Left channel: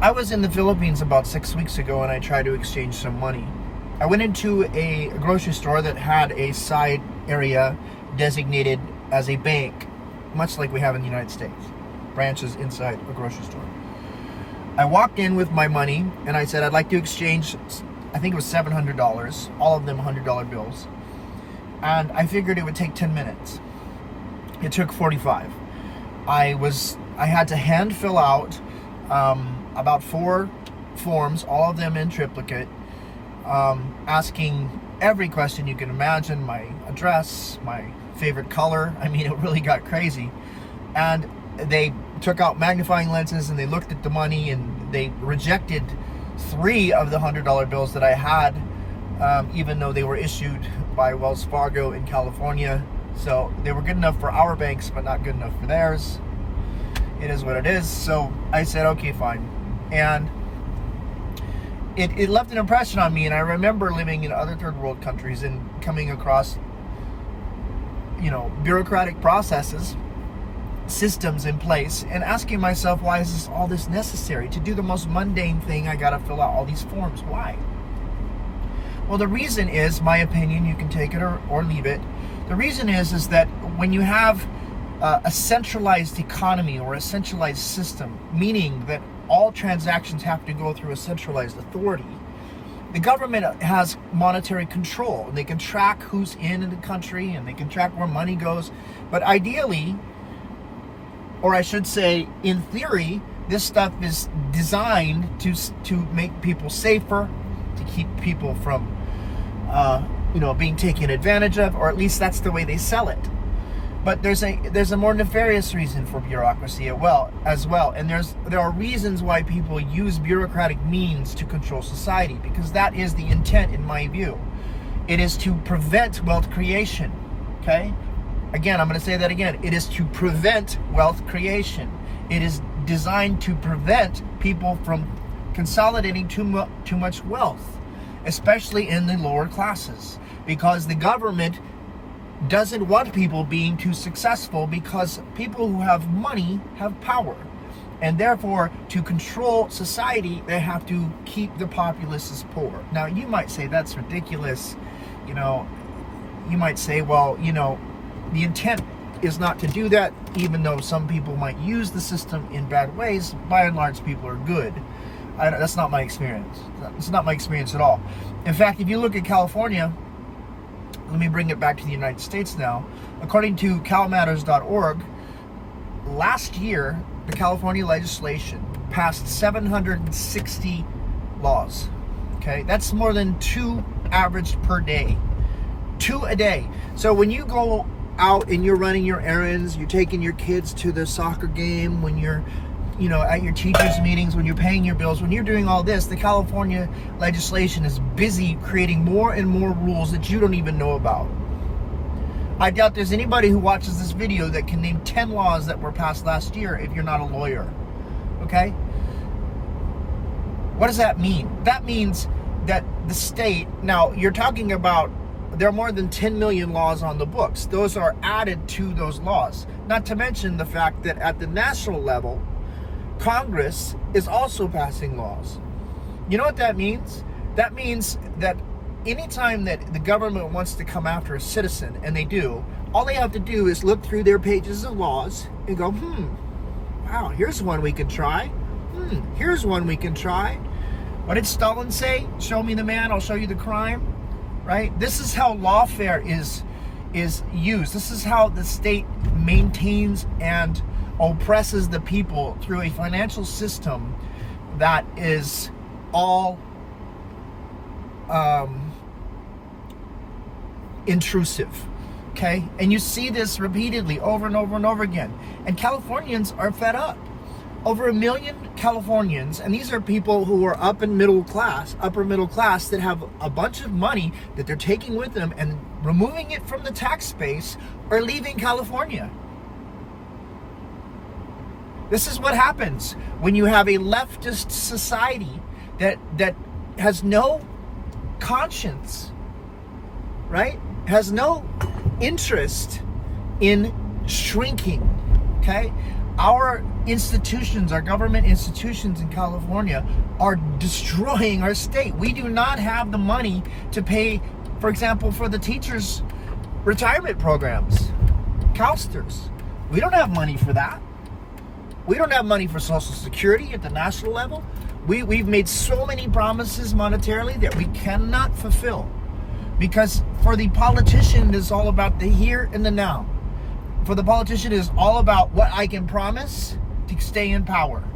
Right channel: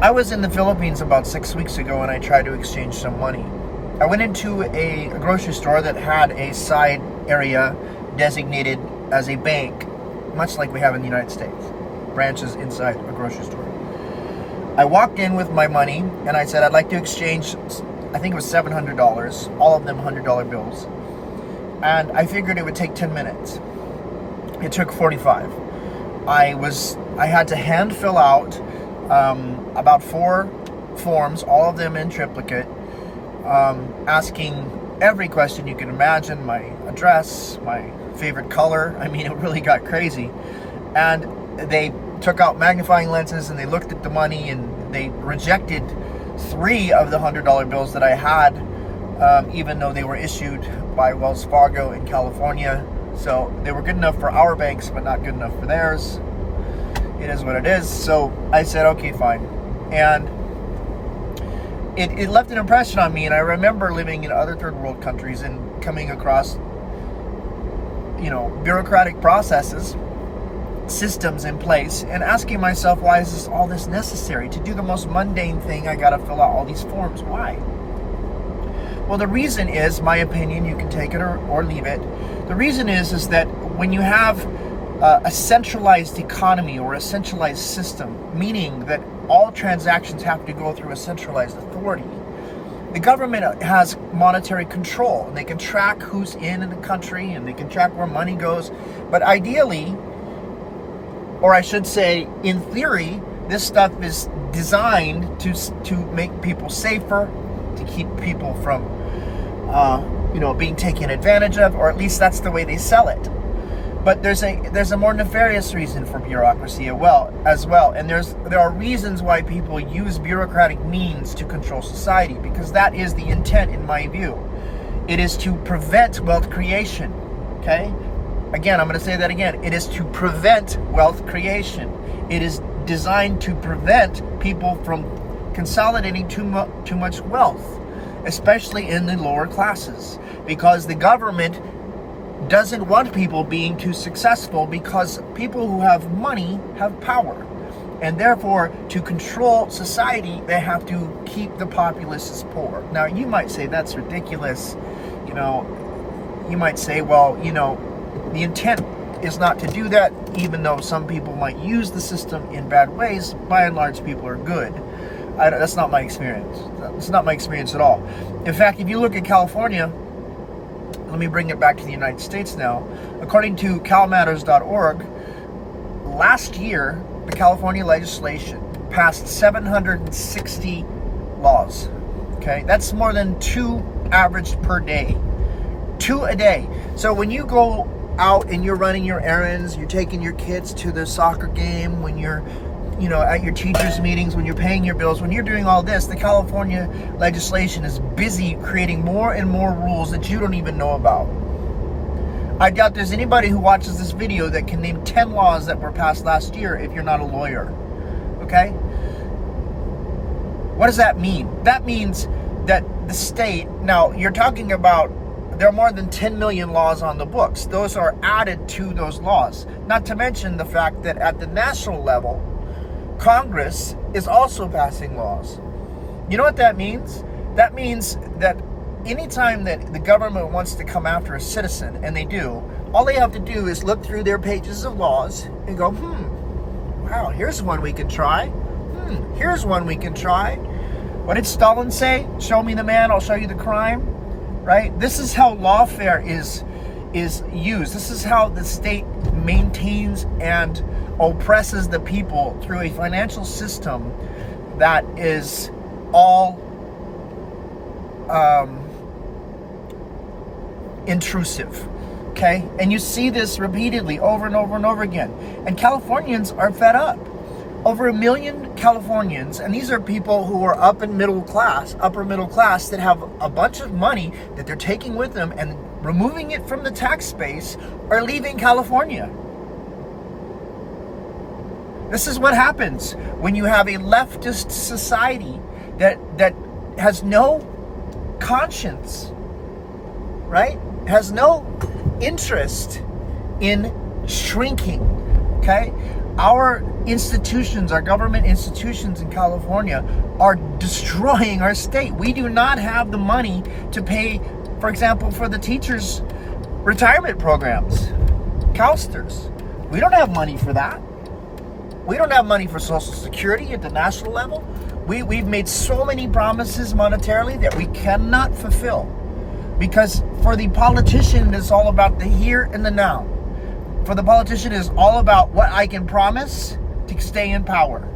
I was in the Philippines about 6 weeks ago and I tried to exchange some money. I went into a grocery store that had a side area designated as a bank, much like we have in the United States. Branches inside a grocery store. I walked in with my money and I said I'd like to exchange, I think it was $700, all of them $100 bills. And I figured it would take 10 minutes. It took 45. I had to hand fill out about 4 forms, all of them in triplicate, asking every question you can imagine, my address, my favorite color. I mean, it really got crazy. And they took out magnifying lenses and they looked at the money and they rejected 3 of the $100 bills that I had, even though they were issued by Wells Fargo in California. So they were good enough for our banks, but not good enough for theirs. It is what it is. So I said, okay, fine. And it left an impression on me. And I remember living in other third world countries and coming across, bureaucratic processes, systems in place, and asking myself, why is all this necessary? To do the most mundane thing, I got to fill out all these forms. Why? Well, the reason is, my opinion, you can take it or leave it. The reason is that when you have a centralized economy or a centralized system, meaning that all transactions have to go through a centralized authority, the government has monetary control. And they can track who's in the country and they can track where money goes. But ideally, or I should say, in theory, this stuff is designed to make people safer, to keep people from being taken advantage of, or at least that's the way they sell it. But there's a more nefarious reason for bureaucracy as well, and there are reasons why people use bureaucratic means to control society, because that is the intent, in my view. It is to prevent wealth creation. Okay, again, I'm going to say that again. It is to prevent wealth creation. It is designed to prevent people from consolidating too much wealth, especially in the lower classes, because the government doesn't want people being too successful, because people who have money have power, and therefore to control society they have to keep the populace poor. Now you might say that's ridiculous. You might say, well, the intent is not to do that, even though some people might use the system in bad ways. By and large, people are good. That's not my experience. It's not my experience at all. In fact, if you look at California, let me bring it back to the United States now. According to calmatters.org, last year, the California legislation passed 760 laws. Okay, that's more than 2 averaged per day. 2 a day. So when you go out and you're running your errands, you're taking your kids to the soccer game, when you're at your teachers' meetings, when you're paying your bills, when you're doing all this, the California legislation is busy creating more and more rules that you don't even know about. I doubt there's anybody who watches this video that can name 10 laws that were passed last year if you're not a lawyer. Okay? What does that mean? That means that the state, now you're talking about, there are more than 10 million laws on the books. Those are added to those laws. Not to mention the fact that at the national level, Congress is also passing laws. You know what that means? That means that anytime that the government wants to come after a citizen, and they do, all they have to do is look through their pages of laws and go, wow, here's one we can try. Here's one we can try. What did Stalin say? Show me the man, I'll show you the crime. Right? This is how lawfare is used. This is how the state maintains and oppresses the people through a financial system that is all intrusive. Okay? And you see this repeatedly over and over and over again. And Californians are fed up. Over 1 million Californians, and these are people who are upper middle class, that have a bunch of money that they're taking with them and removing it from the tax base, are leaving California. This is what happens when you have a leftist society that has no conscience, right? Has no interest in shrinking, okay? Our institutions, our government institutions in California are destroying our state. We do not have the money to pay, for example, for the teachers' retirement programs, counselors. We don't have money for that. We don't have money for Social Security at the national level. We've made so many promises monetarily that we cannot fulfill. Because for the politician, it's all about the here and the now. For the politician, it's all about what I can promise to stay in power.